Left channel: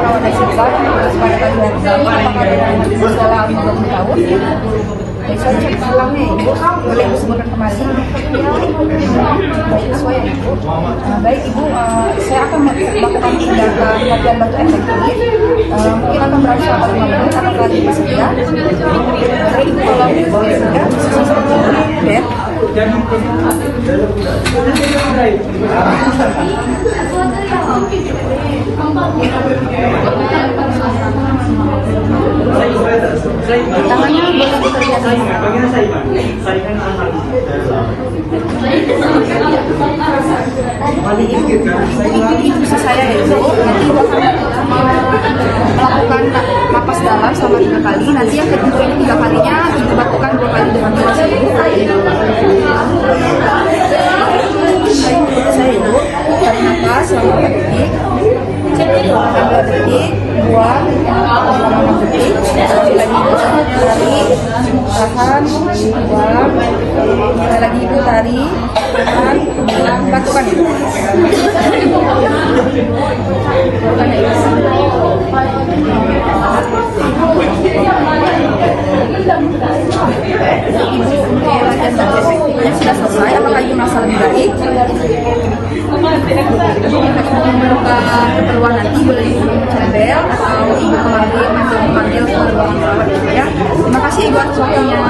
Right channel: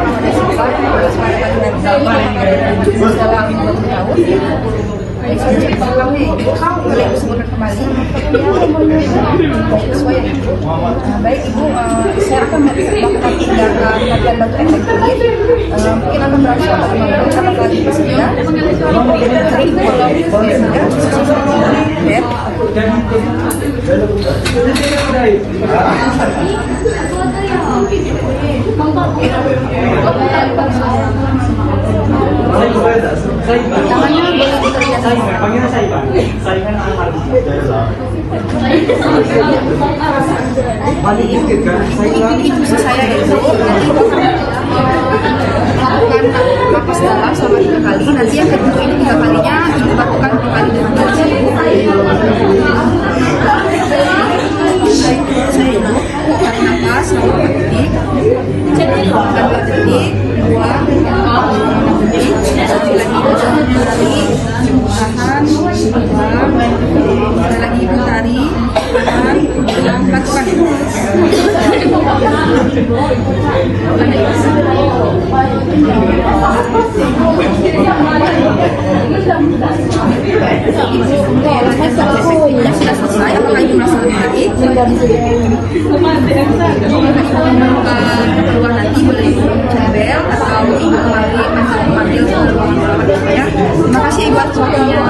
ada sempat kesepakatan bersama apakah ada dalam tahu. Saya cek uangnya ibu, boleh disebutkan kembali. Sesuai ya ibu. Baik ibu, saya akan melakukan tindakan latihan baku efektif. Mungkin akan bersama dengan apakah bersedia. Tapi ibu kalau bed. Tangannya boleh dikerjakan. Itu saya itu melakukan napas dalam selama 3 kali. Nanti yang kedua ini 3 kalinya ibu lakukan 2 kali berikutnya. Saya ibu tarik napas selama 4 detik, 4 detik, 2, 5 detik, tahan, 2, lagi ibu tarik, tahan, lakukan. Ibu sudah selesai, apakah ibu merasa lebih baik? Keluar lagi boleh bel atau ibu kembali memanggil ya. Terima kasih ibu atas waktunya.